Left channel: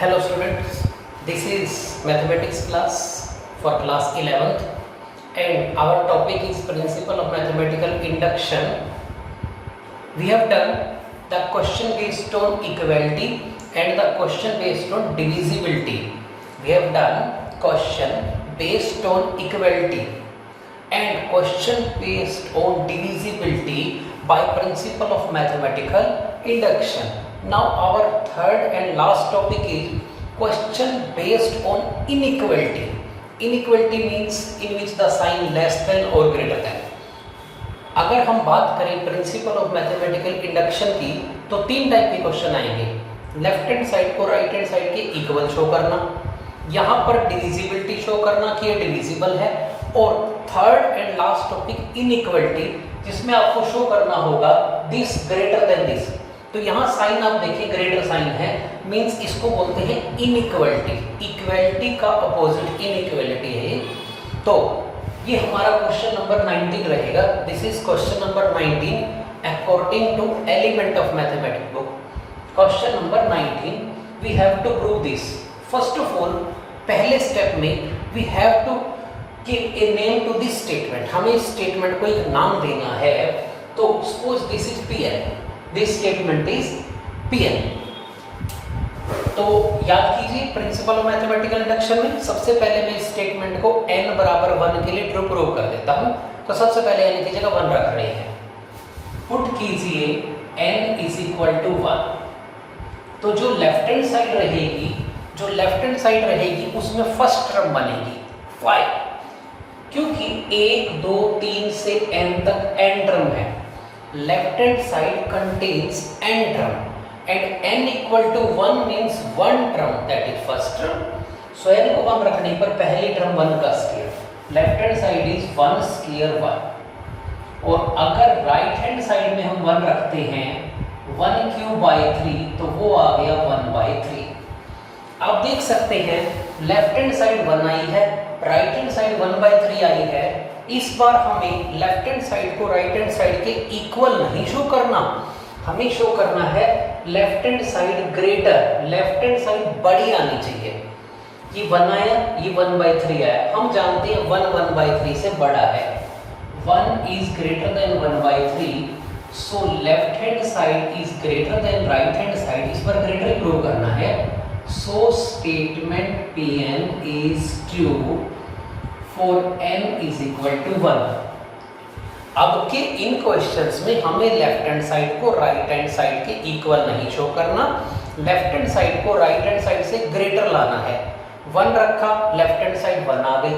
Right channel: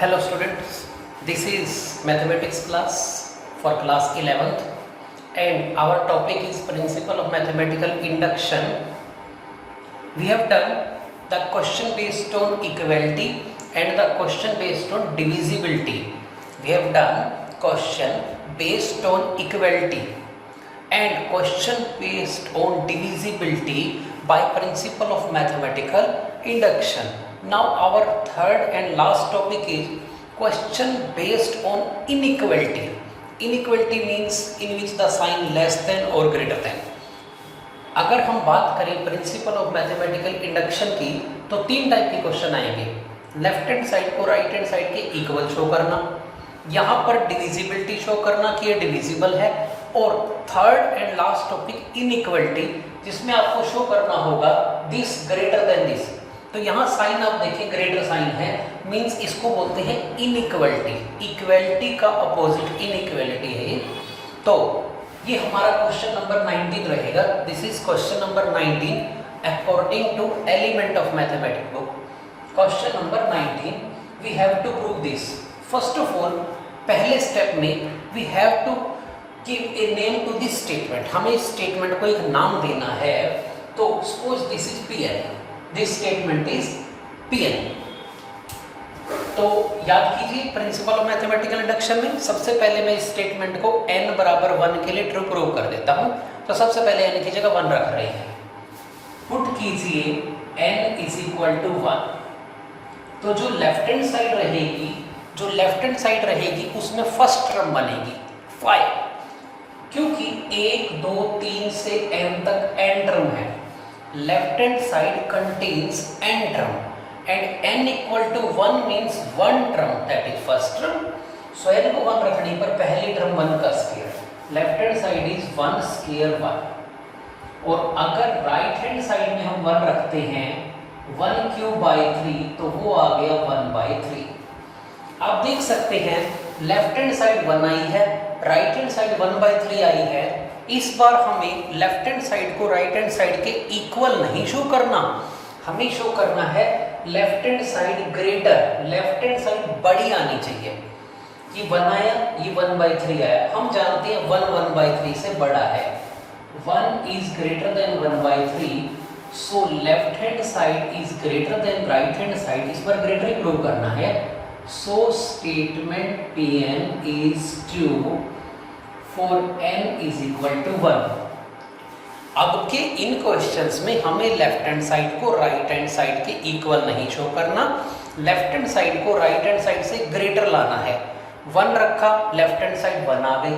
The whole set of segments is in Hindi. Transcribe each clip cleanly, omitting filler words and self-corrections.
Hello students, this is mathematics class for class 11th and our topic is principle of mathematical induction. We have done the question based on equality and the question based on divisibility. We have done question based on equality and question based on divisibility by principle of mathematical induction. Now our third and last topic is question based on inequality. Inequality means in which the sign less than or greater than. अगर हम बात करें प्रिंसिपल ऑफ मैथमेटिकल इंडक्शन की तो तीन टाइप के क्वेश्चन आएंगे। लेफ्ट हैंड साइड को राइट हैंड साइड के इक्वल शो करना, यहाँ पर डिविजिबिलिटी शो करना कि ये डिविजिबल है, और third and last topic inequality, जिसमें आपको शो करना होगा दिस ग्रेटर देन दिस। तो यहाँ साइन आप देखिए ग्रेटर साइन है, मींस इसको बोलते हैं इनइक्वालिटी। इक्वालिटी का अपोजिट इनइक्वालिटी है। तो ये हमारा क्वेश्चन नंबर 19 रहेगा। This is question number 19 according to element of mathematics book. Question number 19 we have to prove this. First of all पहले स्टेप में we have to give a name to this statement. हमें इस स्टेटमेंट को एक नाम देना है। तो suppose this is Pn, this statement is Pn। तो याद कीजिए प्रिंसिपल ऑफ मैथमेटिकल इंडक्शन में सबसे पहले मैं इस स्टेटमेंट को n बराबर 1 के लिए ट्रू प्रूव कर देता हूं। तो सबसे पहले n की जगह 1 रख रहे हैं, पुट कीजिए n इज इक्वल टू 1। तो जो लेफ्ट हैंड साइड रहेगी उसमें फर्स्ट टर्म बनेगी 5, क्योंकि 1 2 3 से n तक n टर्म है। Left hand side contains n term and n equal to 1 means 1 term, that is first term. So n को 1 रखने पर पहली टर्म 1 का square, left hand side is 1 square 1। और अगर राइट हैंड साइड में हम 1 रखते हैं 1 क्यूब बाई 3, तो वो आ गया 1 बाई 3। आप देख सकते हैं लेफ्ट हैंड साइड 1 आई है, राइट हैंड साइड 1 बाई 3 आई है। इस बार हमें लेफ्ट हैंड साइड को राइट हैंड साइड के इक्वल नहीं शो करना, हमें शो करना है left hand side greater, left hand side बड़ी आनी चाहिए। ये 1 आया, ये 1 बाई 3 आया। हम जानते हैं 1 1 बाई 3 से बड़ा है। 1 is greater than 1 by 3, so left hand side is greater than right hand side. इस पर ग्रेटर प्रूव करना है। So statement Pn is true for n is equal to 1। अब के इन क्वेश्चंस में हमें लेफ्ट हैंड साइड को राइट हैंड साइड के इक्वल नहीं शो करना, लेफ्ट हैंड साइड को राइट हैंड साइड से ग्रेटर लाना है। 1 रखा, लेफ्ट हैंड साइड 1 आ गई,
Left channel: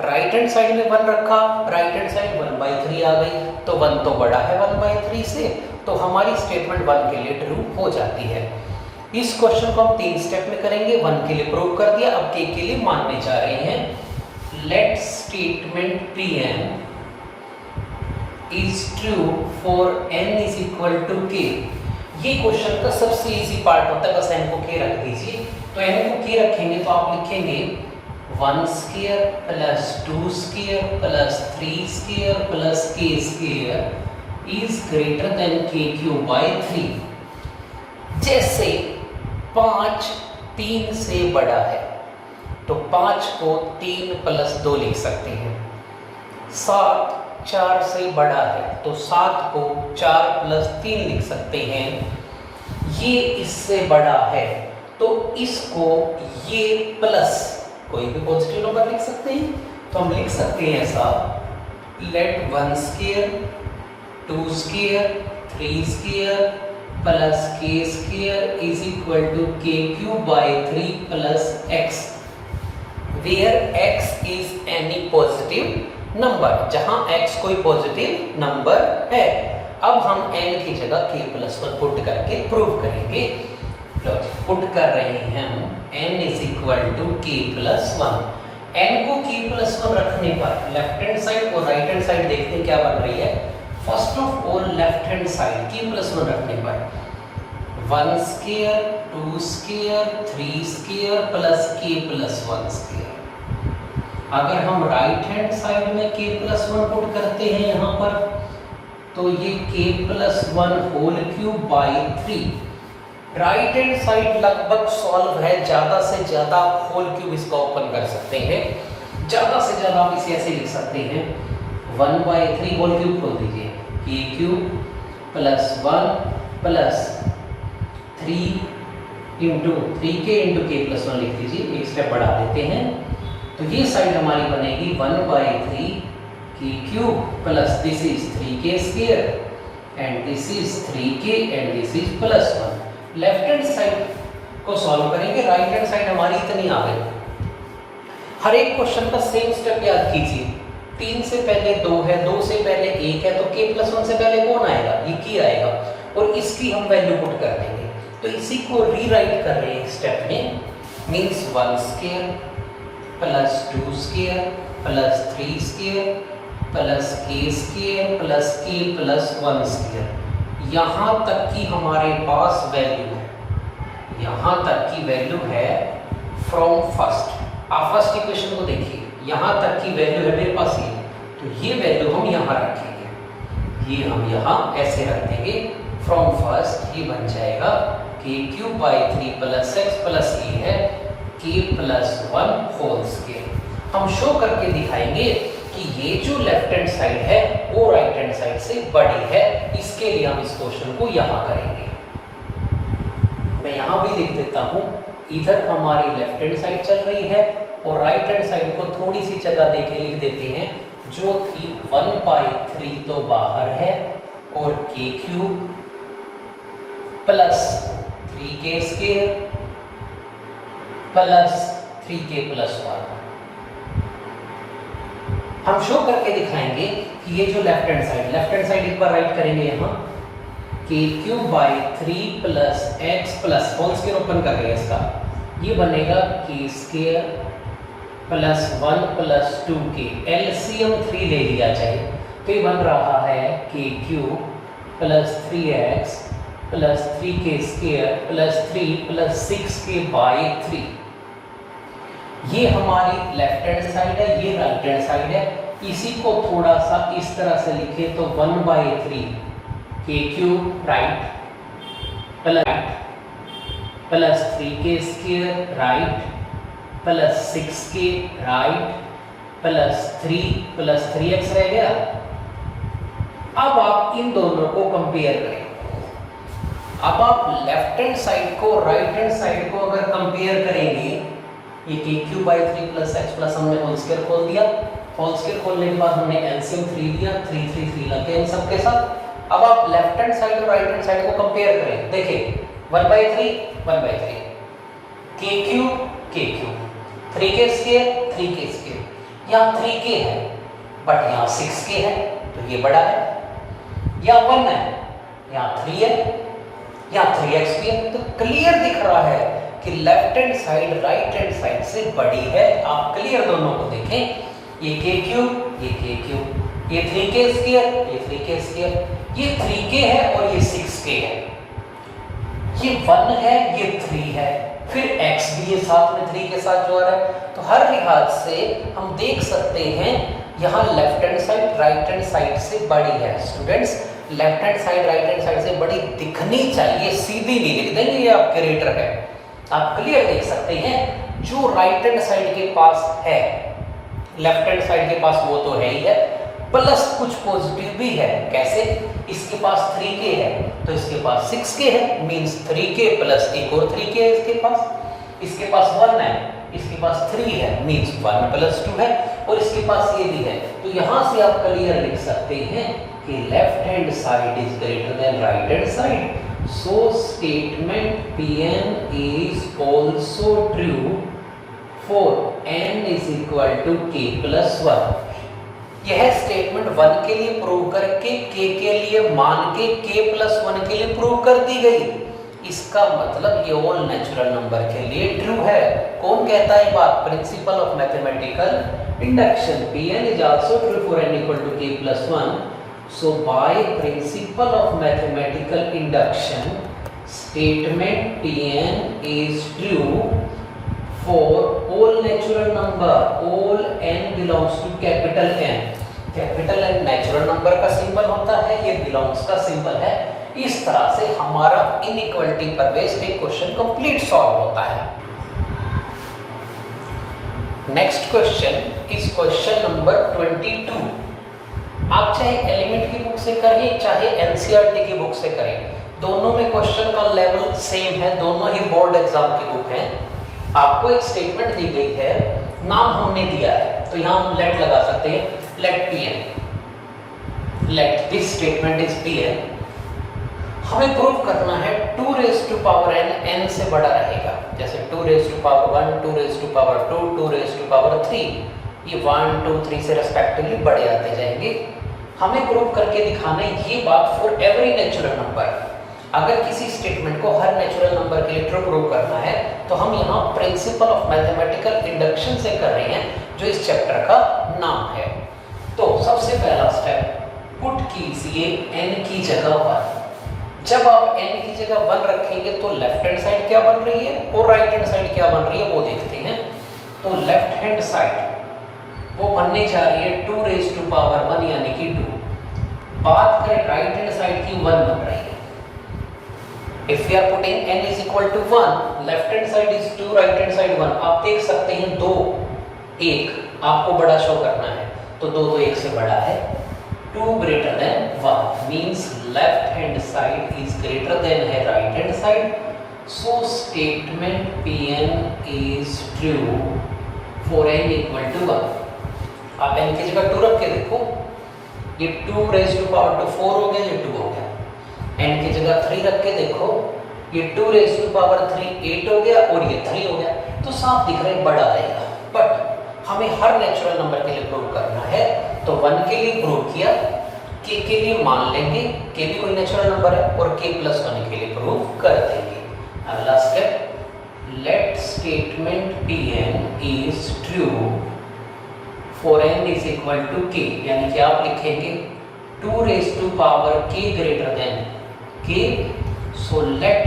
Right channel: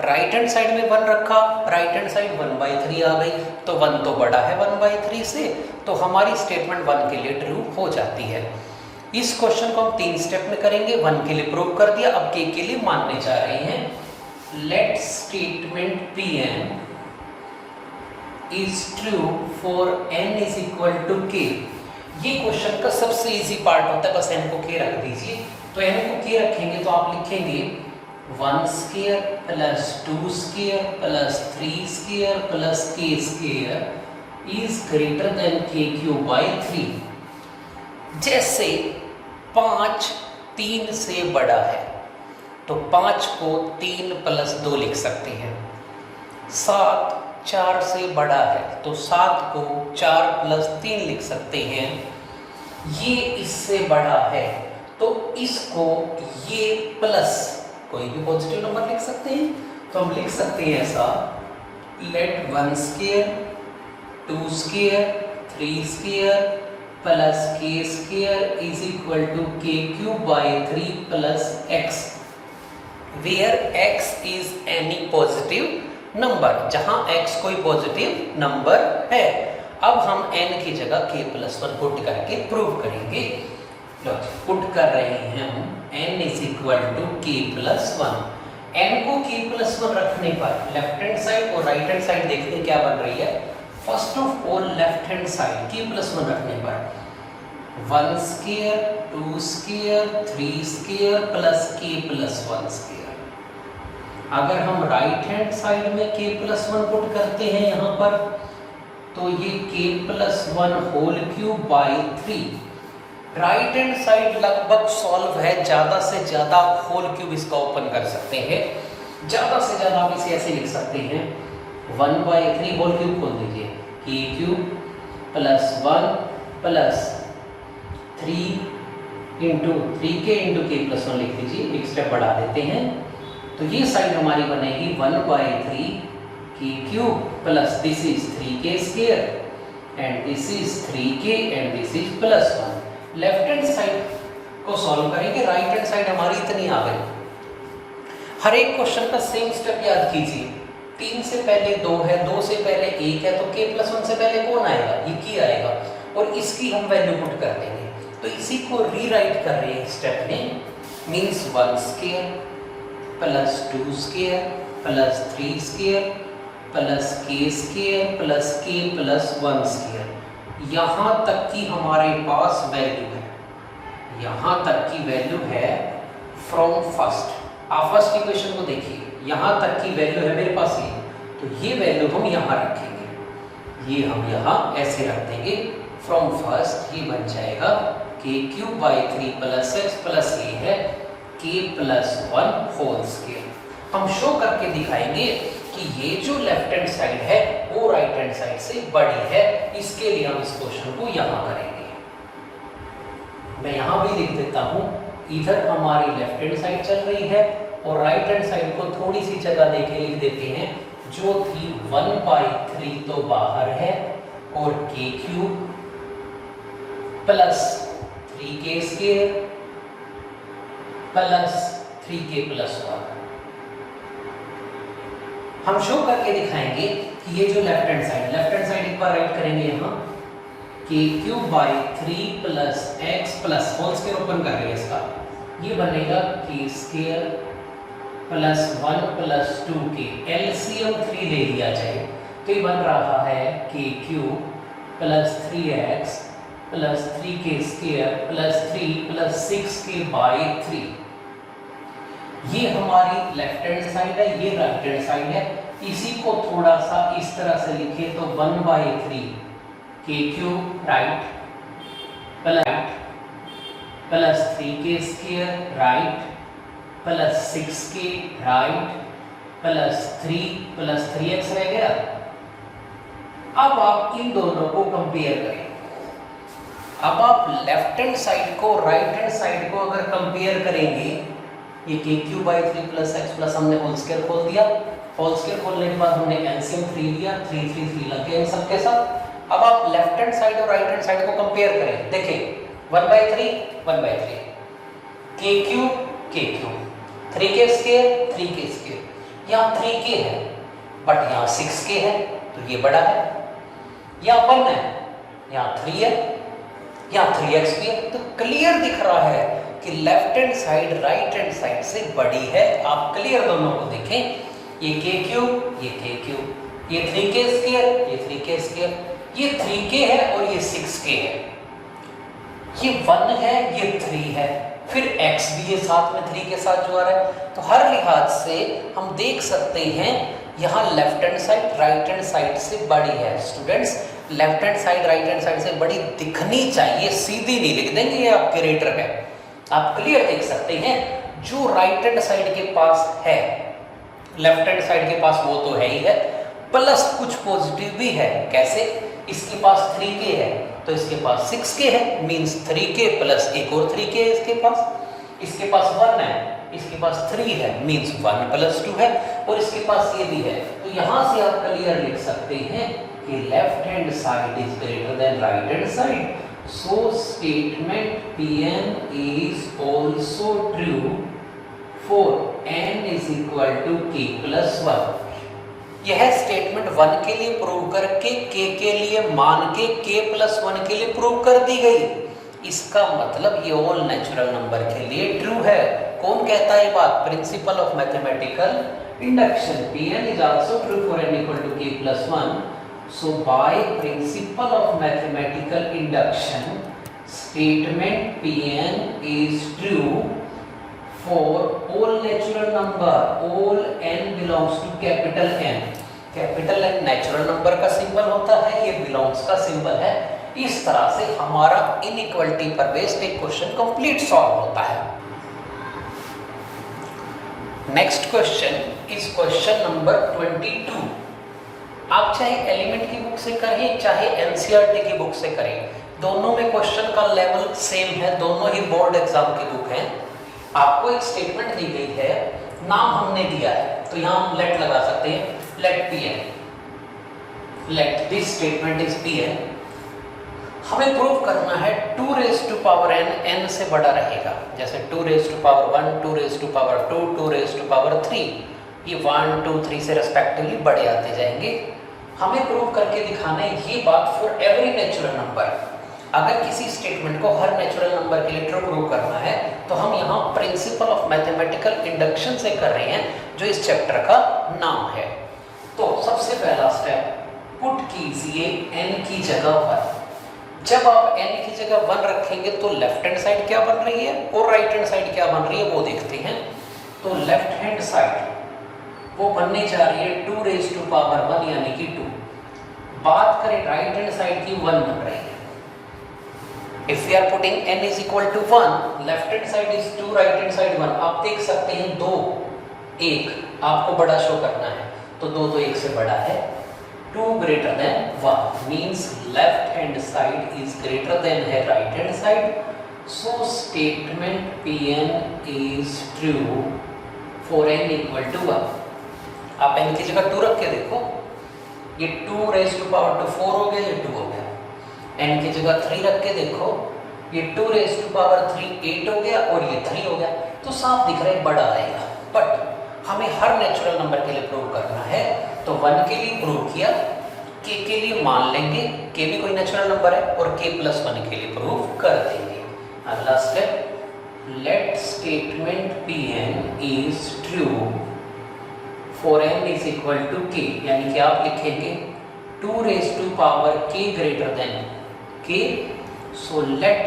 राइट हैंड साइड में 1 रखा, राइट हैंड साइड 1 बाई 3 आ गई। तो 1 तो बड़ा है 1 बाई 3 से, तो हमारी स्टेटमेंट 1 के लिए ट्रू हो जाती है। इस क्वेश्चन को हम 3 स्टेप में करेंगे। 1 के लिए प्रूव कर दिया, अब k के लिए मानने जा रहे हैं। Let statement Pn is true for n is equal to k। ये क्वेश्चन का सबसे इजी पार्ट होता है, बस n को k रख दीजिए। तो n को k रखेंगे तो आप लिखेंगे 1 square plus 2 square plus 3 square plus k square is greater than k cube by 3। जैसे 5 3 से बड़ा है तो 5 को 3 प्लस 2 लिख सकते हैं। 7 4 से बड़ा है तो 7 को 4 प्लस 3 लिख सकते हैं। ये इससे बड़ा है तो इसको ये प्लस कोई भी पॉजिटिव नंबर लिख सकते हैं। तो हम लिख सकते हैं ऐसा, let 1 square 2 square 3 square plus k square is equal to k cube by 3 plus x, where x is any positive number, जहां x कोई पॉजिटिव नंबर है। अब हम n की जगह k प्लस 1 पुट करके प्रूव करेंगे। पुट कर रहे हैं हम n is equal to k plus 1। n को k प्लस 1 रखने पर लेफ्ट हैंड साइड और राइट हैंड साइड देखते हैं क्या बन रही है। First of all left hand side k plus 1 रखने पर 1 square 2 square 3 square plus k plus 1 square. अगर हम राइट हैंड साइड में k प्लस 1 पुट करते हैं यहाँ पर, तो ये k plus 1 whole cube by 3 right hand side लगभग सॉल्व है, ज़्यादा से ज़्यादा होल क्यूब इसका ओपन कर सकते हैं, ज़्यादा से ज़्यादा आप इसे ऐसे लिख सकते हैं 1/3 होल क्यूब खोल दीजिए, के cube plus 1 plus 3 into 3k into के प्लस 1 लिख दीजिए, एक स्टेप बढ़ा देते हैं। तो ये साइड हमारी बनेगी 1/3 के cube plus this is 3k square and this is 3k and this is plus 1। Left hand side को सॉल्व करेंगे, राइट हैंड साइड हमारी इतनी आ गई। हर एक क्वेश्चन का सेम स्टेप याद कीजिए, 3 से पहले 2 है, 2 से पहले 1 है, तो k प्लस 1 से पहले कौन आएगा? ये की आएगा, और इसकी हम वैल्यू पुट कर देंगे। तो इसी को रीराइट कर रहे हैं स्टेप में, means 1 square plus 2 square plus 3 square plus k स्क्वायर प्लस k प्लस 1 स्क्वायर। यहाँ तक की हमारे पास वैल्यू है, यहाँ तक की वैल्यू है फ्रॉम फर्स्ट। आप फर्स्ट इक्वेशन को देखिए, यहाँ तक की वैल्यू है मेरे पास ये, तो ये वैल्यू हम यहाँ रखेंगे, ये हम यहाँ ऐसे रख देंगे फ्रॉम फर्स्ट। ये बन जाएगा k cube by 3 plus x plus a है k प्लस 1 होल स्क्वायर। हम शो करके दिखाएंगे कि ये जो लेफ्ट हैंड साइड है वो राइट हैंड साइड से बड़ी है, इसके लिए हम इस क्वेश्चन को यहाँ करेंगे। मैं यहाँ भी लिख देता हूँ, इधर हमारी लेफ्ट हैंड साइड चल रही है और राइट हैंड साइड को थोड़ी सी जगह देके लिख देते हैं, जो थी 1/3 तो बाहर है और k cube plus 3k square plus 3k plus 1। हम शो करके दिखाएंगे कि ये जो लेफ्ट हैंड साइड एक बार राइट करेंगे यहाँ, k cube by 3 plus x plus whole square open कर रहे हैं इसका, ये बनेगा k स्क्वायर प्लस 1 प्लस 2k, एलसीएम 3 ले लिया जाए तो ये बन रहा है k cube plus 3x plus 3k square plus 3 plus 6k by 3। ये हमारी लेफ्ट हैंड साइड है, ये राइट हैंड साइड है। इसी को थोड़ा सा इस तरह से लिखे तो 1/3 k cube right plus 3k square right plus 6k right plus 3x रह गया। अब आप इन दोनों को कंपेयर करें। अब आप लेफ्ट हैंड साइड को राइट हैंड साइड को अगर कंपेयर करेंगे, ये k cube by 3 plus x plus हमने होल स्क्वायर खोल दिया, होल स्क्वायर खोलने के बाद हमने एलसीएम 3 लिया, 3 लग गए इन सबके साथ। अब आप लेफ्ट हैंड साइड और राइट हैंड साइड को कंपेयर करें, देखिए 1/3 k क्यूब 3k स्क्वायर, यहाँ 3k है बट यहाँ 6k है तो ये बड़ा है, यहाँ 1 है, यहाँ 3 है, यहाँ 3x भी है। तो क्लियर दिख रहा है कि left hand side right hand side से बड़ी है। आप क्लियर दोनों को देखें, ये k क्यूब, ये k क्यूब, ये 3k स्क्वायर, ये 3k स्क्वायर, ये 3k है और ये 6k है, ये 1 है, ये 3 है, फिर x भी ये साथ में 3 के साथ जो आ रहा है। तो हर लिहाज से हम देख सकते हैं यहाँ left hand side right hand side से बड़ी है। Students, left hand side right hand side से बड़ी दिखनी चाहिए, सीधी नहीं लिख देंगे, ये आपके रेटर है। आप क्लियर देख सकते हैं जो राइट हैंड साइड के पास है लेफ्ट हैंड साइड के पास वो तो है ही है, प्लस कुछ पॉजिटिव भी है। कैसे? इसके पास 3k है तो इसके पास 6k है, मींस 3k प्लस एक और 3k है इसके पास 1 है, इसके पास 3 है, मींस 1 प्लस 2 है, और इसके पास ये भी है। तो यहाँ से आप क्लियर लिख सकते हैं कि left hand side is greater than right hand side. So statement Pn is also true for n is equal to k plus 1। यह स्टेटमेंट 1 के लिए प्रूव करके k के लिए मान के k plus 1 के लिए प्रूव कर दी गई। इसका मतलब ये ऑल नेचुरल नंबर के लिए ट्रू है। कौन कहता है बात? Principle of mathematical induction. Pn is also true for n equal to k plus 1। So by principle of mathematical induction, statement Pn is true for all natural number, all n belongs to capital N। Capital N natural number का सिंबल होता है, ये बिलोंग्स का सिंबल है। इस तरह से हमारा इनइक्वालिटी पर बेस्ड एक क्वेश्चन कंप्लीट सॉल्व होता है। Next question is question number 22। आप चाहे एलिमेंट की बुक से करें चाहे एनसीईआरटी की बुक से करें, दोनों में क्वेश्चन का लेवल सेम है, दोनों ही बोर्ड एग्जाम की बुक हैं। आपको एक स्टेटमेंट दी गई है, नाम हमने दिया है, तो यहाँ हम लेट लगा सकते हैं, let P N, let this statement is P N. हमें प्रूव करना है 2 raise to power n, n से बड़ा रहेगा, जैसे 2 raise to power 1, 2 raise to power 2, 2 raise to power 3, ये 1, 2, 3 से रेस्पेक्टिवली बढ़े आते जाएंगे। हमें प्रूव करके दिखाना है ये बात फॉर एवरी नेचुरल नंबर। अगर किसी स्टेटमेंट को हर नेचुरल नंबर के लिए ट्रू प्रूव करना है तो हम यहाँ प्रिंसिपल ऑफ मैथमेटिकल इंडक्शन से कर रहे हैं, जो इस चैप्टर का नाम है। तो सबसे पहला स्टेप, पुट कीजिए n की जगह 1। जब आप n की जगह 1 रखेंगे तो लेफ्ट हैंड साइड क्या बन रही है और राइट हैंड साइड क्या बन रही है वो देखते हैं। तो लेफ्ट हैंड साइड वो बनने जा रही है 2 रेज़ टू पावर 1 यानी कि 2। बात करें राइट हैंड साइड की 1 बन रही है। If we are putting n is equal to 1, left hand side is 2, right hand side 1। आप देख सकते हैं 2 1 आपको बड़ा शो करना है, तो 2 तो 1 से बड़ा है। 2 greater than 1 means left hand side is greater than है right hand side. So statement Pn is true for n equal to 1. आप n की जगह 2 रख के देखो, ये 2 रेज़ टू पावर 2 4 हो गया, ये 2 हो गया। n की जगह 3 रख के देखो, ये 2 रेज़ टू पावर 3 8 हो गया और ये 3 हो गया। तो साफ दिख रहा है बड़ा आएगा, बट हमें हर नेचुरल नंबर के लिए प्रूव करना है। तो 1 के लिए प्रूव किया, k के लिए मान लेंगे, k भी कोई नेचुरल नंबर है, और k प्लस 1 के लिए प्रूव कर देंगे। अगला step, let statement Pn is true for n is equal to k, यानी कि आप लिखेंगे 2 raise to power k greater than k, so let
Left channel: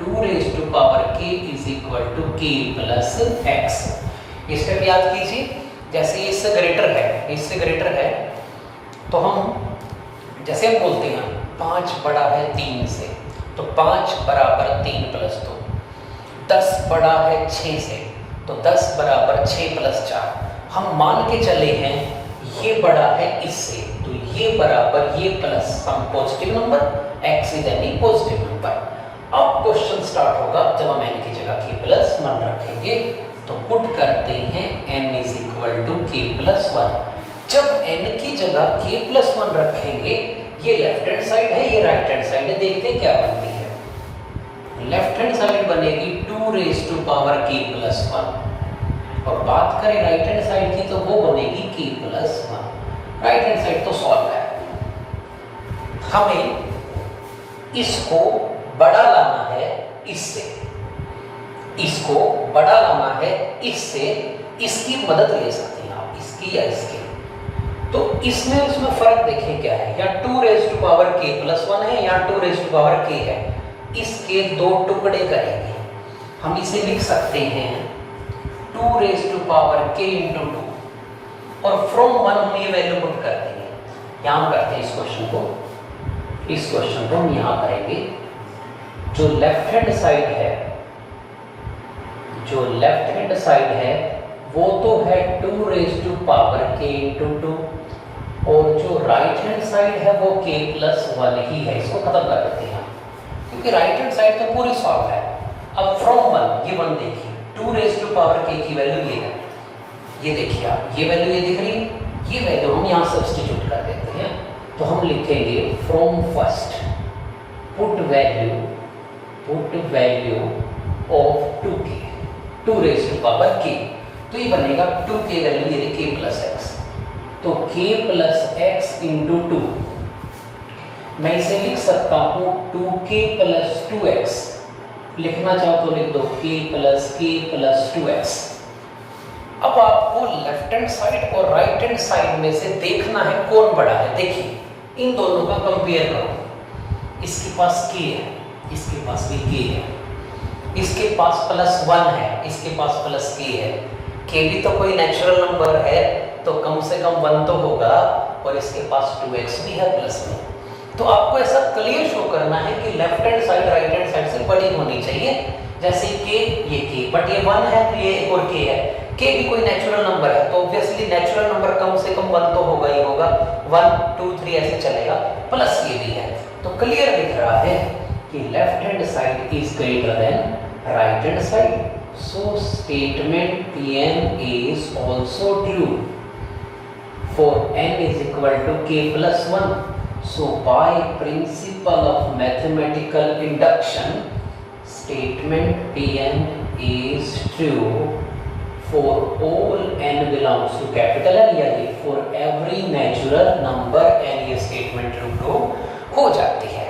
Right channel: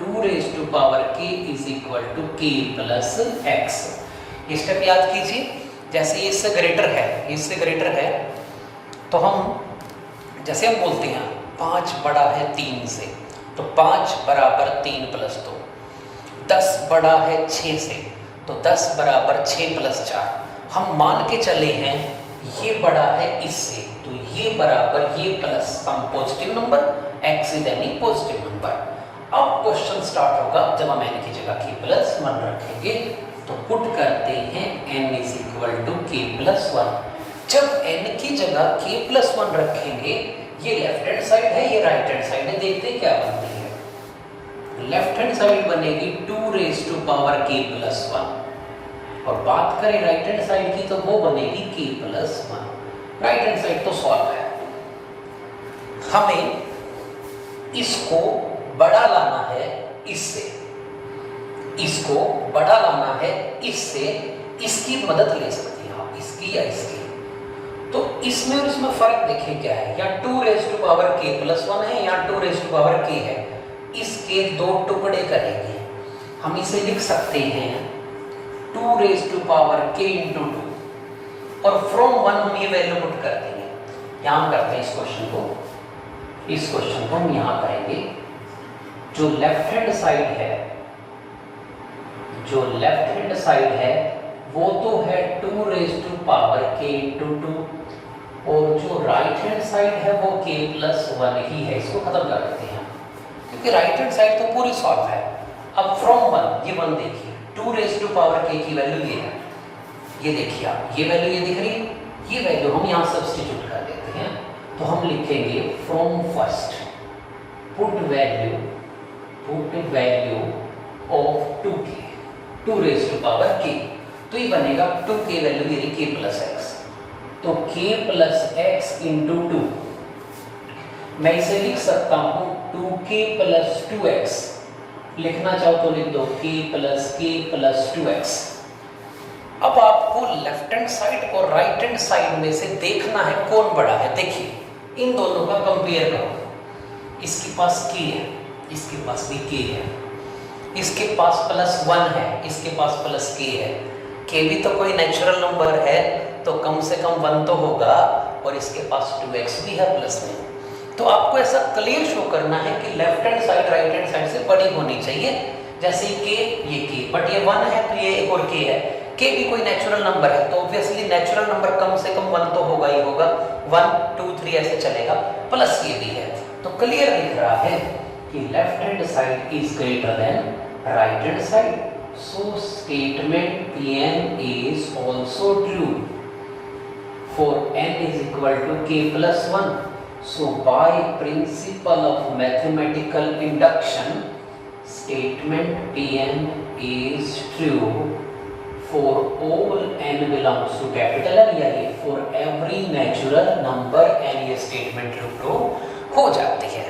2 raise to power k is equal to k plus x। ये स्टेप याद कीजिए, जैसे ये इससे ग्रेटर है, इससे ग्रेटर है, तो हम जैसे हम बोलते हैं 5 बड़ा है 3 से, तो 5 बराबर 3 प्लस 2। 10 बड़ा है 6 से, तो 10 बराबर 6 प्लस 4। हम मान के चले हैं ये बड़ा है इससे, तो ये बराबर ये plus some positive number, x is any positive number. अब क्वेश्चन स्टार्ट होगा जब हम n की जगह k प्लस 1 रखेंगे, तो पुट करते हैं n is equal to k plus 1। जब n की जगह k प्लस 1 रखेंगे, ये लेफ्ट हैंड साइड है, ये राइट हैंड साइड है, देखते हैं क्या बनती है। लेफ्ट हैंड साइड बनेगी 2 raise to power k plus 1, और बात करें राइट हैंड साइड की तो वो बनेगी k plus 1। Right hand side तो सॉल्व है। हमें इसको बड़ा लाना है इससे, इसको बड़ा लाना है इससे, इसकी मदद ले सकते हैं आप, इसकी या इसकी। तो इसमें और इसमें फर्क देखें क्या है, या 2 raise to power k plus 1 है या 2 रेज़ टू पावर k है। इसके 2 टुकड़े करेंगे, हम इसे लिख सकते हैं 2 raise to power k into 2, और फ्रॉम 1 हम ये वैल्यू पुट कर देंगे। यहाँ हम करते हैं इस क्वेश्चन को हम यहाँ करेंगे। जो लेफ्ट हैंड साइड है वो तो है 2 raise to power k into 2, और जो राइट हैंड साइड है वो k प्लस 1 ही है। इसको खत्म कर देते हैं, क्योंकि राइट हैंड साइड तो पूरी सॉल्व है। अब फ्रॉम 1, ये 1 देखिए, 2 रेज़ टू पावर k की वैल्यू ये है, ये देखिए आप, ये वैल्यू ये दिख रही है, ये वैल्यू हम यहाँ सब्स्टिट्यूट कर देते हैं। तो हम लिखेंगे from first put value of 2k, 2 raise to power k, तो ये बनेगा 2k वैल्यू ये k प्लस x, तो k प्लस x इंटू 2। मैं इसे लिख सकता हूँ 2k प्लस 2x, लिखना चाहो तो लिख दो k प्लस 2x। अब आपको लेफ्ट हैंड साइड और राइट हैंड साइड में से देखना है कौन बड़ा है। देखिए इन दोनों का कंपेयर करो, इसके पास k है, इसके पास भी k है, इसके पास प्लस 1 है, इसके पास प्लस k है। k भी तो कोई नेचुरल नंबर है, तो कम से कम 1 तो होगा, और इसके पास 2x भी है प्लस में, तो आपको ऐसा क्लियर शो करना है कि left hand side right hand side से बड़ी होनी चाहिए। जैसे के, ये के, बट ये 1 है तो ये एक और के है। के भी कोई नेचुरल नंबर है तो ऑब्वियसली नेचुरल नंबर कम से कम 1 तो होगा ही होगा, 1 2 3 ऐसे चलेगा, प्लस ये भी है। तो क्लियर दिख रहा है कि left hand side is greater than right hand side. So statement Pn is also true for n is equal to k plus 1. So by principle of mathematical induction, statement Pn is true for all n belongs to capital N, यानी for every natural number n ये statement true हो जाती है।